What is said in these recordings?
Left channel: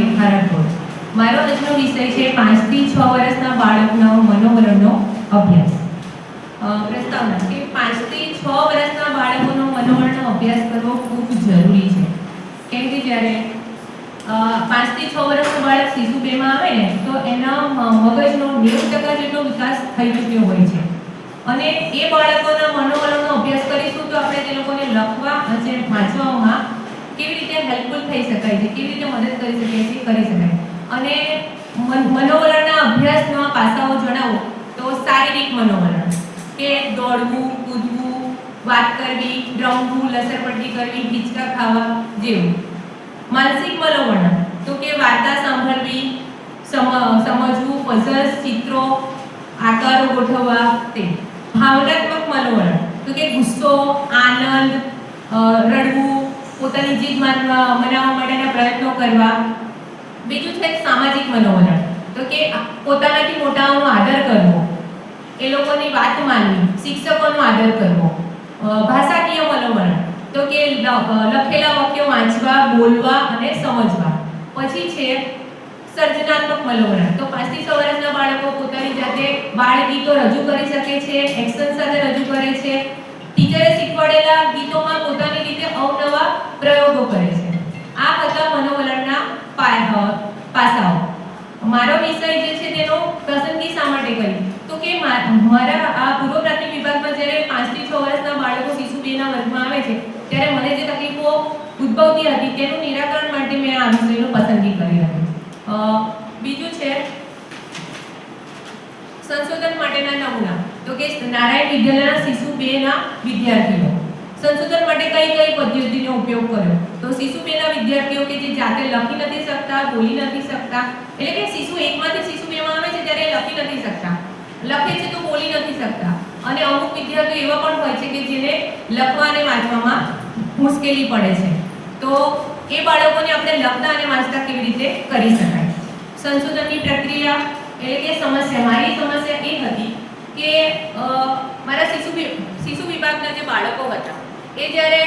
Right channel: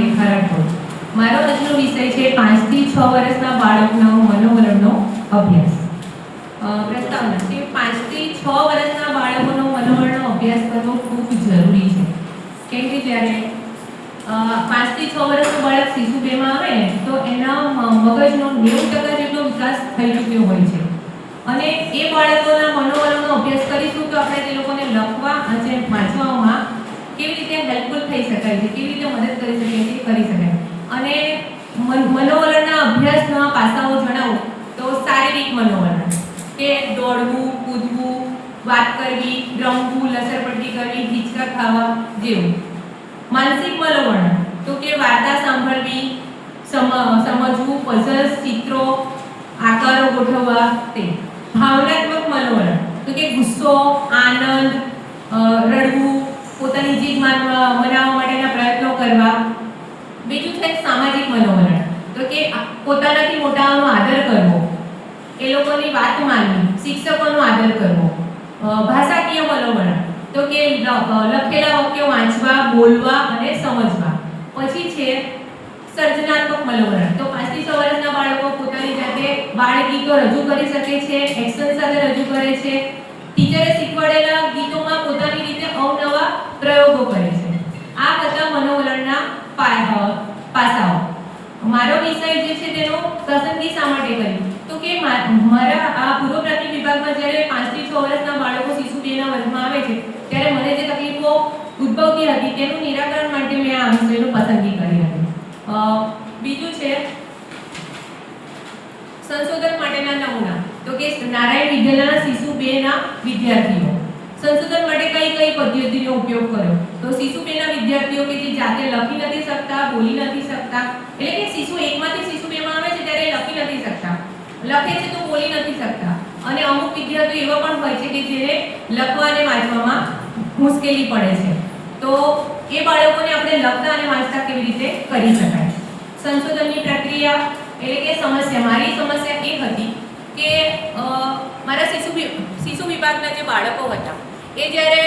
રેખા રાઠોડ. મારો આજનો વિષય છે 5 થી 6 વર્ષના બાળકના મનોવલણનો અભ્યાસ. પ્રસ્તાવના કે 5 થી 6 વર્ષના બાળકોનો મનોવલણનો અભ્યાસ કરવો ખૂબ જરૂરી છે. કેમ કે જ્યારે 5 થી 6 વર્ષનું બાળક શિશુ પ્રેમમાં આવે ને તો એના મગજનો 90% જેટલો વિકાસ થઈ ચૂક્યો હોય છે. અને એ બાળકોના મનોવલણનો અભ્યાસ કરીશું તો આપણે તે લોકોને લખવા અને વાંચવામાં કેવી રીતે હેલ્પફુલ થઈ શકાય છે, કેવી રીતે મદદ કરી શકાય છે, કરી શકાય. અને મનોવલણના અભ્યાસના પાસાઓ જણાવો તો શારીરિક મનોવલણ કે દોડવું, કૂદવું, વાત કરવી, રમવું, લસરપટ્ટી કરવી, હિંચકા ખાવા જેવું. માનસિક મનોવલણ તો કે વાર્તા સાંભળવી, સમજવું, પઝલ્સ, ચિત્રો, આકારો ગોઠવવા તે. ભાવનાત્મક મનોવલણ તો કે ગુસ્સો, આનંદ, રડવું, પોતાની જીત મનાવવા માટેના પ્રયત્નો કરવા. બીજું છે સામાજિક મનોવલણ તો કે પોતાનાથી મોટાઓનો આદર કરવો, એ લોકોની વાત માનવી, શિક્ષકોનો આદર કરવો. ભાષાકીય મનોવલણ તો કે લખેલા વાક્યો વાંચવા, બોલવા અને સમજવા. પછી છે સર્જનાત્મક મનોવલણ તો 5 થી 6 વર્ષના બાળકો પોતાની જાતે બાળ ગીતો રજૂ કરી શકે છે, એક્શન સાથે રજૂ કરે છે, ટીચરે શીખવાડેલા ગીતોમાં પોતાની રીતે અવનવા પ્રયોગો કરે છે. આ બધા મનોવલણના પાસાઓ. મારો વિષય જે છે તેનો પસંદગી શા માટે કરી તો કે મારા આ પૂર્વ પ્રાથમિક વિભાગમાં જ્યારે 5 થી 6 વર્ષના બાળકો શિશુ 2ના વર્ગમાં આવે છે ત્યારે મને જે તકલીફો ઉદ્ભવતી હતી તેનું નિરાકરણ માટે મેં આ વિષયની પસંદગી કરી હતી. બીજું છે સંશોધન માટેના નમૂના તો કે નારાયણ વિદ્યાલયના શિશુ 2ના વિદ્યાર્થીઓ. સંશોધન માટે કઈ પદ્ધતિનો ઉપયોગ કર્યો તો શિશુ 2ના વિદ્યાર્થીઓ કે જે જાતે લખી નથી શકતા, બોલી નથી શકતા, એટલે કે શિશુ 1 માંથી શિશુ 2 માં આવે છે ત્યારે લખી નથી શકતા, લખે છે તો બોલી નથી શકતા. અને અમુક વિદ્યાર્થીઓ એવા પણ હોય છે કે જેને લખવા અને વાંચવામાં મુશ્કેલી પડે છે. તો એ બાળકોને આપણે લખતા અને વાંચતા કેવી રીતે કરી શકાય. સંશોધનની પ્રક્રિયા એટલે કે સમસ્યા, મારી સમસ્યા એ હતી કે મારા શિશુ વિભાગના જે બાળકો હતા એ જ્યારે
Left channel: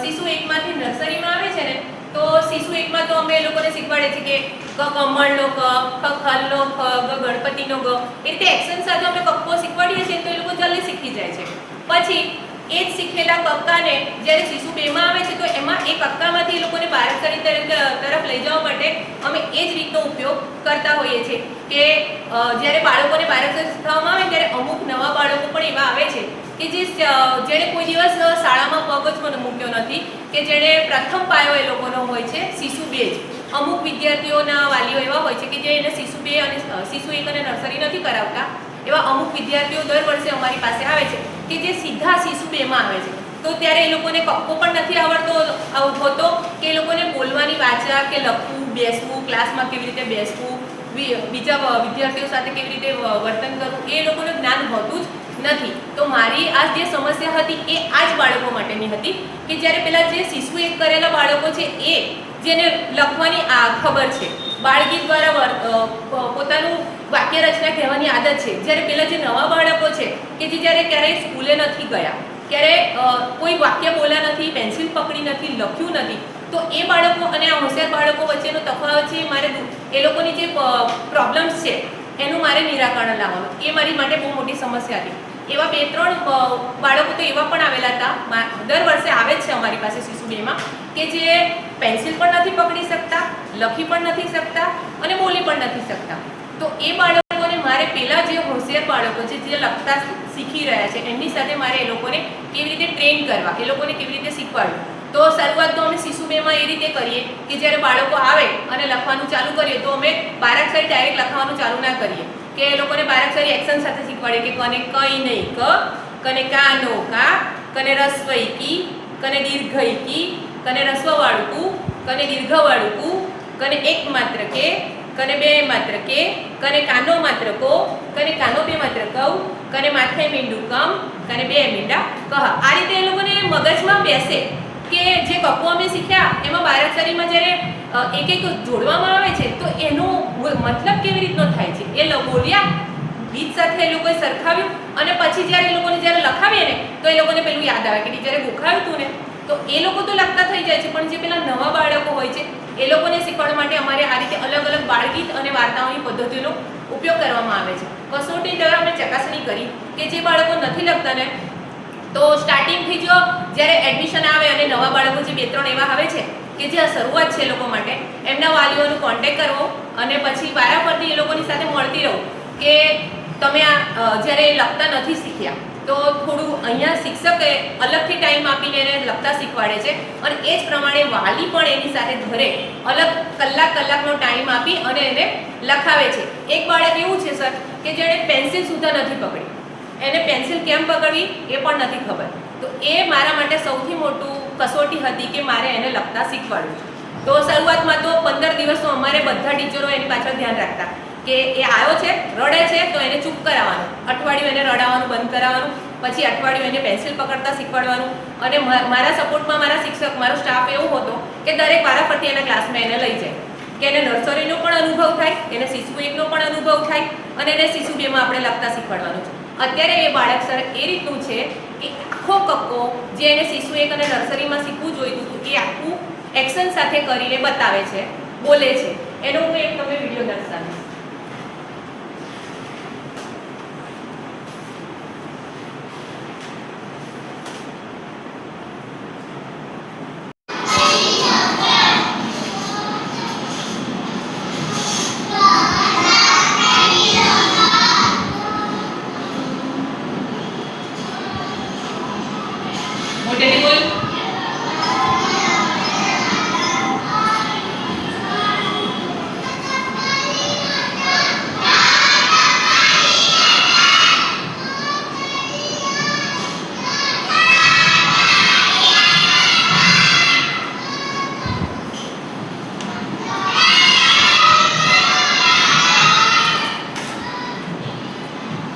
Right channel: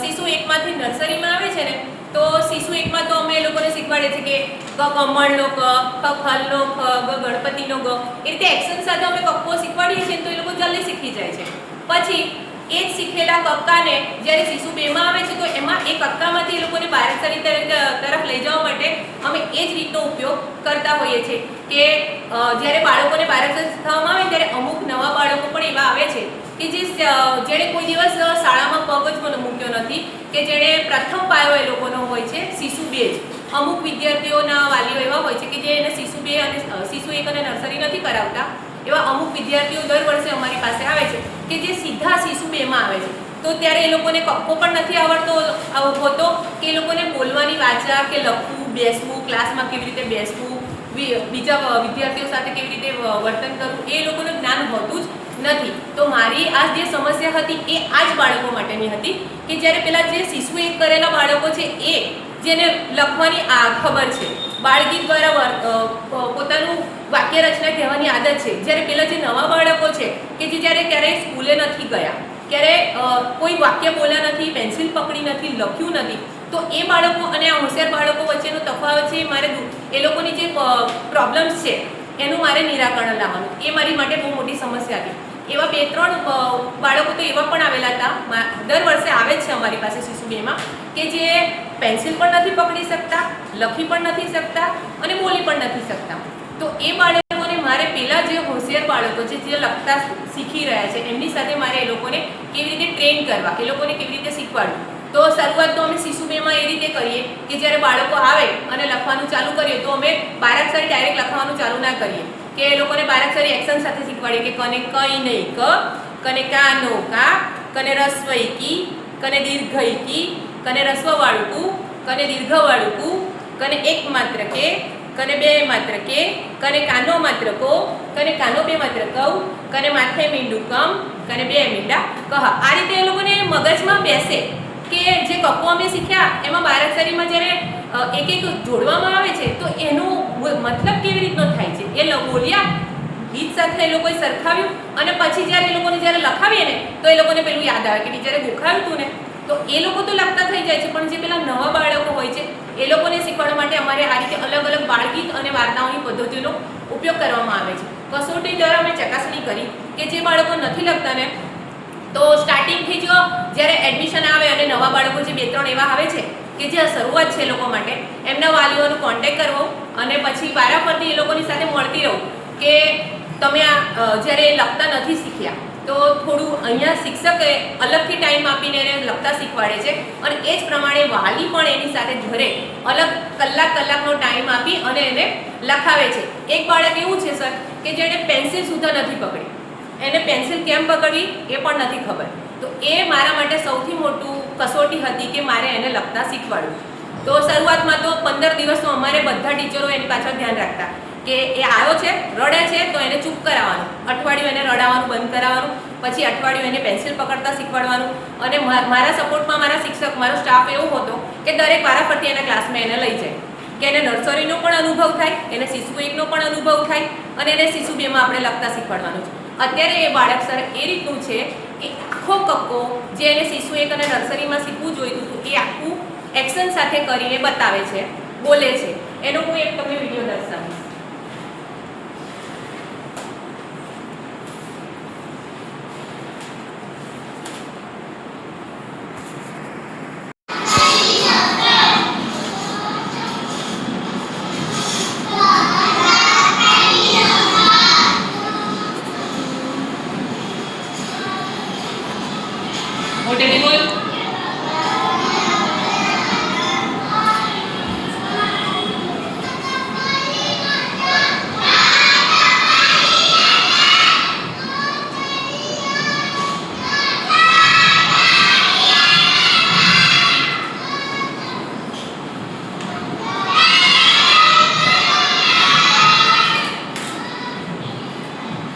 શિશુ 1 માંથી નર્સરીમાં આવે છે ને તો શિશુ 1 માં તો અમે એ લોકોને શીખવાડે છે કે ક કમળનો ક, ખ ખલનો ખ, ગ ગણપતિનો ગ, એ રીતે એક્શન સાથે અમે કક્કો શીખવાડીએ છીએ તો એ લોકો જલ્દી શીખી જાય છે. પછી એ જ શીખેલા કક્કાને જ્યારે શિશુ 2 માં આવે છે તો એમાં એ કક્કામાંથી એ લોકોને બારાક્ષરી તરફ લઈ જવા માટે અમે એ જ રીતનો ઉપયોગ કરતા હોઈએ છીએ કે જ્યારે બાળકોને બારાક્ષરી શીખવવામાં આવે ત્યારે અમુક નવા બાળકો પણ એવા આવે છે કે જેણે કોઈ દિવસ શાળામાં પગ જ મૂક્યો નથી, કે જેણે પ્રથમ પાયો એ લોકોનો હોય છે શિશુ 2 જ. અમુક વિદ્યાર્થીઓના વાલીઓ એવા હોય છે કે જે એને શિશુ 2 અને શિશુ 1 અને નર્સરી નથી કરાવતા. એવા અમુક વિદ્યાર્થીઓ દર વર્ષે અમારી પાસે આવે છે કે જે સીધા શિશુ 2 માં આવે છે. તો ત્યારે એ લોકોને કક્કો પણ નથી હોતો કે એ લોકોને બોલવાની વાચા કે લખવું, બેસવું, ક્લાસમાં કેવી રીતે બેસવું, બીજા વિદ્યાર્થીઓ સાથે કેવી રીતે વર્તન કરવું એ લોકોને જ્ઞાન હોતું જ નથી. તો મારી આ જે સમસ્યા હતી એ આ જ બાળકો માટેની હતી કે જ્યારે પેલા જે શિશુ 1 કરેલા બાળકો છે એ જેને લખવાની ખબર છે, બાળગીત દ્વારા પોતાનું વાક્ય રચના કહેવાની આદત છે, જ્યારે પેલા જે નવા બાળકો છે કે જે જ્યારે ક્યારેય સ્કૂલે નથી ગયા, ક્યારે કોઈ વાક્ય બોલ્યા નથી, પેન્સિલ પકડી નથી, લખ્યું નથી, તો એ બાળકો અને આ હોશિયાર બાળકો વચ્ચેનો તફાવત છે મારે એ લોકોની જે પ્રોબ્લેમ્સ છે એનું મારે નિરાકરણ લાવવાનું. એ મારી માટે બહુ મોટી સમસ્યા હતી. એવા 2-3 બાળકો તો એવા પણ આવેલા હતા, દર વર્ષે આવે જ છે અમારી પાસે શિશુ 2 માં કે જે પેન્સિલ પણ નથી પકડી શકતા, લખી પણ નથી શકતા અને બોલી પણ નથી શકતા. તો એ બાળકોને મારે પેલા જે હોશિયાર બાળકો છે જે લખતા શીખી રહ્યા છે એમની સાથે મારે એ લોકોને કેવી રીતે ટ્રેન કરવા, એ લોકોને કેવી રીતે શીખવાડવું. તો શરૂઆત તો અમે શિશુ 2 માં એ રીતે કરીએ કે જ્યારે બાળકો આવે અને લખવાનું ચાલુ કરીએ તો અમે બારાક્ષરી ડાયરેક્ટ લખવાનું ચાલુ ના કરીએ, કે એ લોકોને બારાક્ષરી એક્શન સાથે શીખવાડીએ કે કને કઈ નહીં ક, કને કાનો કા, કને રસ્વઈ કી, કને દીર્ઘઈ કી, કને રસ્વવાળું કુ, કને દીર્ઘવાળું કુ, કને એક માત્ર કે, કને બે માત્ર કે, કને કાનો માત્ર કો, કને કાનો બે માત્ર કઉ, કને માથે મીંડું કમ, કને બે મીંડા કહ. આ રીતે એ લોકોને મગજમાં બેસે કે જે કક્કો અમે શીખ્યા એમાં બારાક્ષરીમાં જ્યારે એક જોડવામાં આવે છે તો એનો મતલબ કેવી રીતનો થાય છે એ બોલ્યા, બીજ સાથે એ લોકોએ સરખાવ્યું અને પછી જ્યારે એ લોકોને જ્યારે લખાવીએ ને તો એ લોકોને પેલું યાદ આવે કે ટીચરે ગોખાવ્યું હતું ને તો એ લોકો તો લખતા થઈ જાય છે, પણ જે પેલા નવા બાળકો હોય છે એ લોકોને શીખવાડવા માટે અમારે આ રીતે અલગ અલગ બાળગીત અને વાર્તાઓની પદ્ધતિનો ઉપયોગ કરવામાં આવે છે. કસોટી દ્વારા અમે ચકાસણી કરી કે જે બાળકો નથી લખતા ને, તો સ્ટાર્ટિંગથી જો જ્યારે એડમિશન આવે અને નવા બાળકો જે 2-3 એવા આવે છે કે જે શરૂઆત છે એ લોકો માટે, એમના વાલીઓનો કોન્ટેક્ટ કરવો અને પછી વારાફરતી એ લોકોની સાથે મળતી રહું કે તમે આ જ્યારે લખતા નથી શીખ્યા તો થોડું અહીંયા શિક્ષકે અલગથી ટાઈમ આપીને એને લખતા શીખવાડે છે અને એ જ પ્રમાણે વાલી પણ એની સાથે ઘરે અલગ કલાકનો ટાઈમ આપી અને એને લખાવે છે. એક બાળક એવું છે સર કે જેણે પેન્સિલ સુદ્ધા નથી પકડી, એને પેન્સિલ કેમ પકડવી એ પણ નથી ખબર. તો એ મારા માટે સૌથી મોટું કસોટી હતી કે મારે એને લખતા શીખવાડવું. તો શરૂઆતમાં તો 15 દિવસ તો અમારે બધા ટીચરો એની પાછળ ધ્યાન રાખતા કે એ આવ્યો છે, રડે છે તો એને ચૂપ કરાવવાનું, અઠવાડિયું એને રડાવવાનું બંધ કરાવવાનું, પછી અઠવાડિયું એને પેન્સિલ પકડતા શીખવાડવાનું. અને મારા સપોર્ટમાં મારા શિક્ષક, મારો સ્ટાફ એવો હતો કે દરેક વારાફરતી એના ક્લાસમાં એને લઈ જાય કે એને નર્સરીનો પણ અનુભવ થાય, એને શિશુ 1નો પણ અનુભવ થાય અને એને શિશુ 2માં આપણે લખતા શીખવાડવાનું છે. અત્યારે એ બાળક સર એ રીતનું છે કે આખો કક્કો જે એને શિશુ 1 અને નર્સરીમાં શીખવું જોઈતું હતું એ આખું એક્શન સાથે કરીને બતાવે છે, બોલે છે. એનો હું એક તમને વિડીયો દર્શાવીશ. મોટેથી બોલ.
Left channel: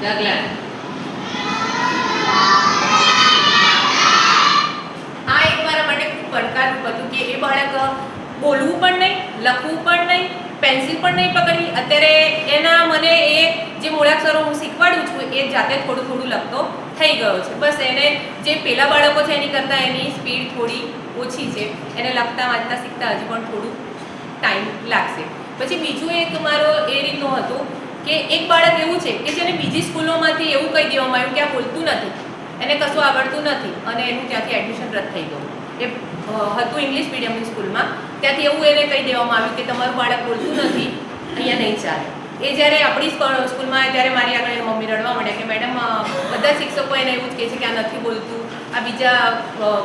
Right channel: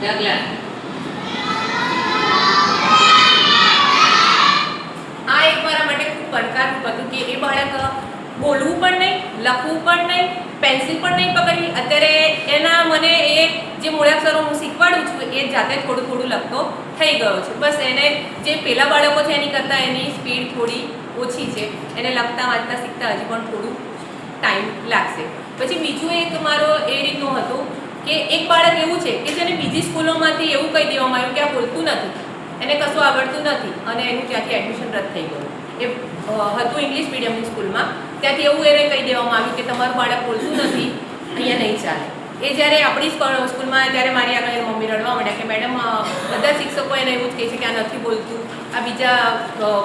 ઢગલા. આ એક મારા માટે ખૂબ પડકારરૂપ હતું કે એ બાળક બોલવું પણ નહીં, લખવું પણ નહીં, પેન્સિલ પણ નહીં પકડવી. અત્યારે એના મને એ જે મૂળાક્ષરો હું શીખવાડું છું એ જાતે થોડું થોડું લખતો થઈ ગયો છે. બસ એને જે પેલા બાળકો છે એની કરતાં એની સ્પીડ થોડી ઓછી છે, એને લખતા વાંચતા શીખતા હજી પણ થોડું ટાઈમ લાગશે. પછી બીજું એક મારો એ રીતનું હતું કે એક બાળક એવું છે કે જેને બીજી સ્કૂલોમાંથી એવું કહી દેવામાં આવ્યું કે આ બોલતું નથી, એને કશું આવડતું નથી અને એનું ત્યાંથી એડમિશન રદ થઈ ગયું. એ હતું ઇંગ્લિશ મીડિયમની સ્કૂલમાં, ત્યાંથી એવું એને કહી દેવામાં આવ્યું કે તમારું બાળક બોલતું નથી, અહીંયા નહીં ચાલે. એ જ્યારે આપણી સ્કૂલમાં ત્યારે મારી આગળ એની મમ્મી રડવા માંડ્યા કે મેડમ બધા શિક્ષકો એને એવું જ કહે છે કે આ નથી બોલતું, આ બીજા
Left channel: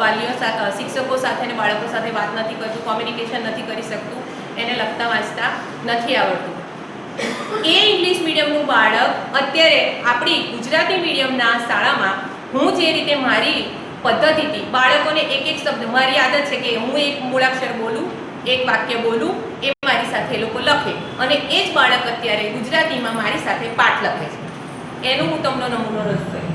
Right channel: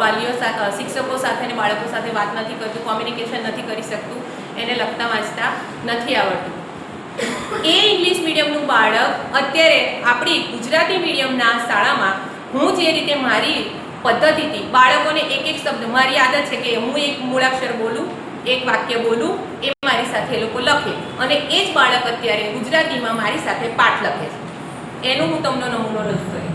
વાલીઓ શિક્ષકો સાથે અને બાળકો સાથે વાત નથી કરતું, કોમ્યુનિકેશન નથી કરી શકતું, એને લખતા વાંચતા નથી આવડતું. એ ઇંગ્લિશ મીડિયમનું બાળક અત્યારે આપણી ગુજરાતી મીડિયમના શાળામાં હું જે રીતે મારી પદ્ધતિથી બાળકોને એક એક શબ્દ, મારી આદત છે કે હું એક મૂળાક્ષર બોલું, એક વાક્ય બોલું, એ મારી સાથે એ લોકો લખે અને એ જ બાળક અત્યારે ગુજરાતીમાં મારી સાથે પાઠ લખે છે. એનું હું તમને નમૂનો રજૂ કરીશ.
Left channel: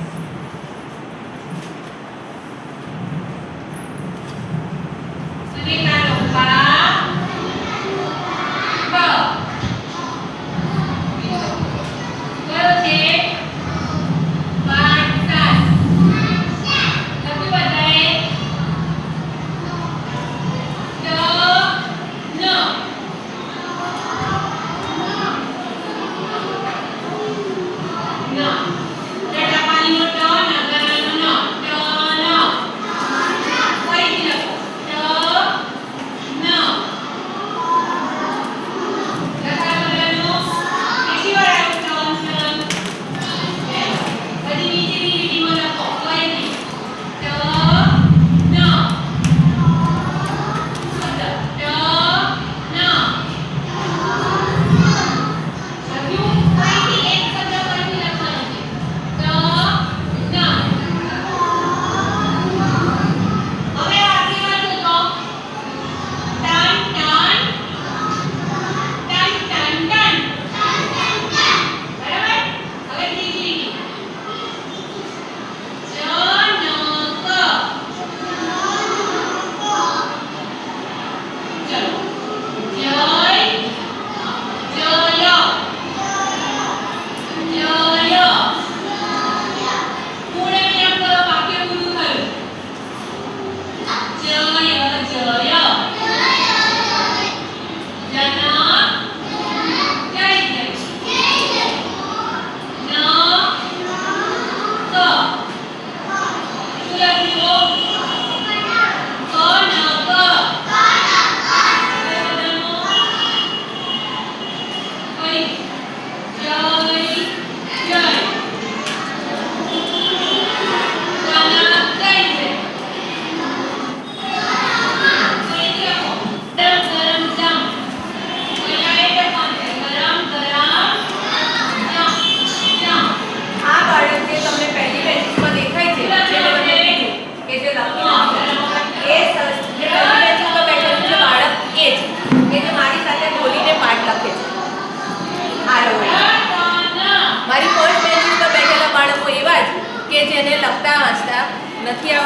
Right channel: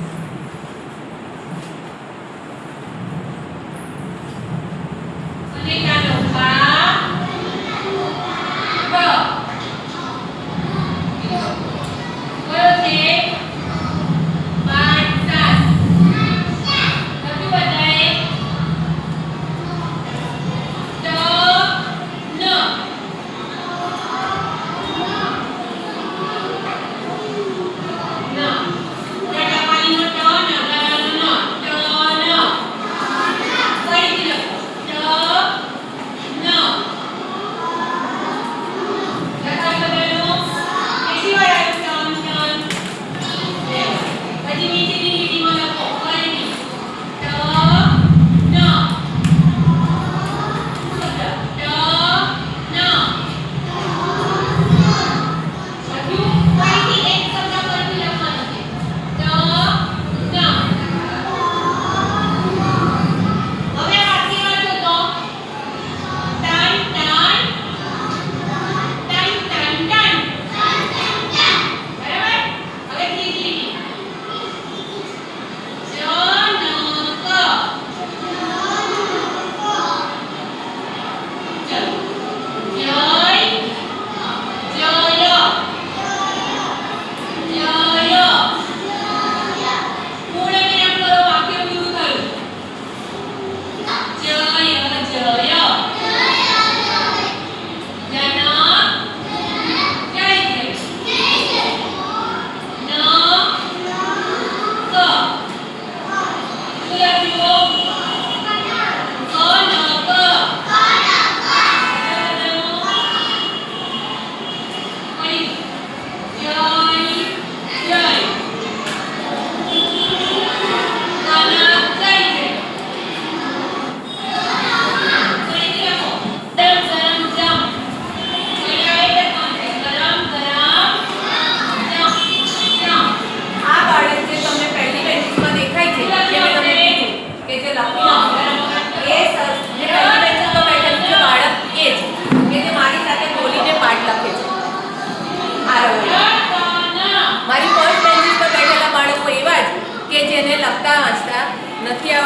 મારી ફર્સ્ટ બેન્ચીસ પર બેઠેલા બાળકો એવા જ કે જેને લખતા વાંચતા નથી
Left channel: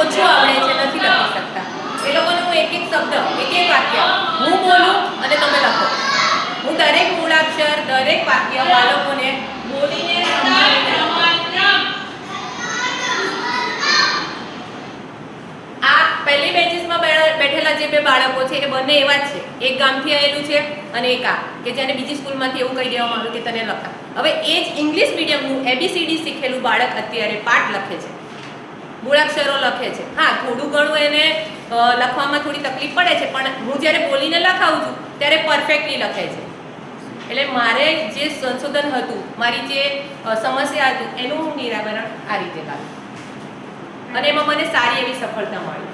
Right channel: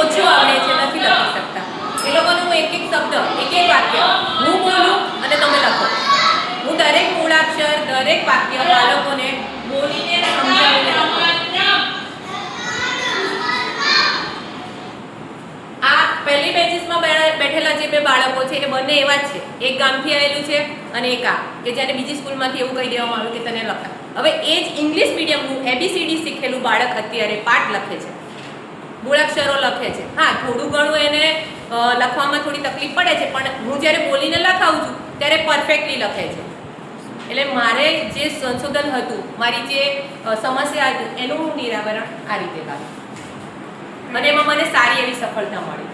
ઓછું આવડે છે, નથી લખી શકતા. એ લોકોને હું એક એક શબ્દ, એક એક વાક્ય હું બોલું અને તમે લખો. હું દરેક મૂળાક્ષર, દરેક વાક્ય બાળકોને બોલીને સમજાવીને આ પહેલી બેન્ચીસમાં બેઠેલા જે બે બાળકો છે એ બંને એવા જ છે. એક ગામથી આવેલું છે અને એક આ કે જેને બીજી સ્કૂલમાંથી એવું કહી દેવામાં આવ્યું કે તને લખા. હવે એ જ ઇંગ્લિશ મીડિયમનું ABCD શીખેલું બાળક અત્યારે પાઠ લખે છે, મૂળાક્ષરો લખે છે. હા, થોડું ઘણું એને લખવામાં થોડી તકલીફ પડે છે, પણ હું જ્યારે બોલીને લખાવું છું ત્યારે પરફેક્ટલી લખે છે. એટલે મારે જે સંશોધન હતું, મારી જે સમસ્યા હતી એનું હું નિરાકરણ આ રીતે લાવ્યું અને એમાં મને સારી એવી સફળતા મળી.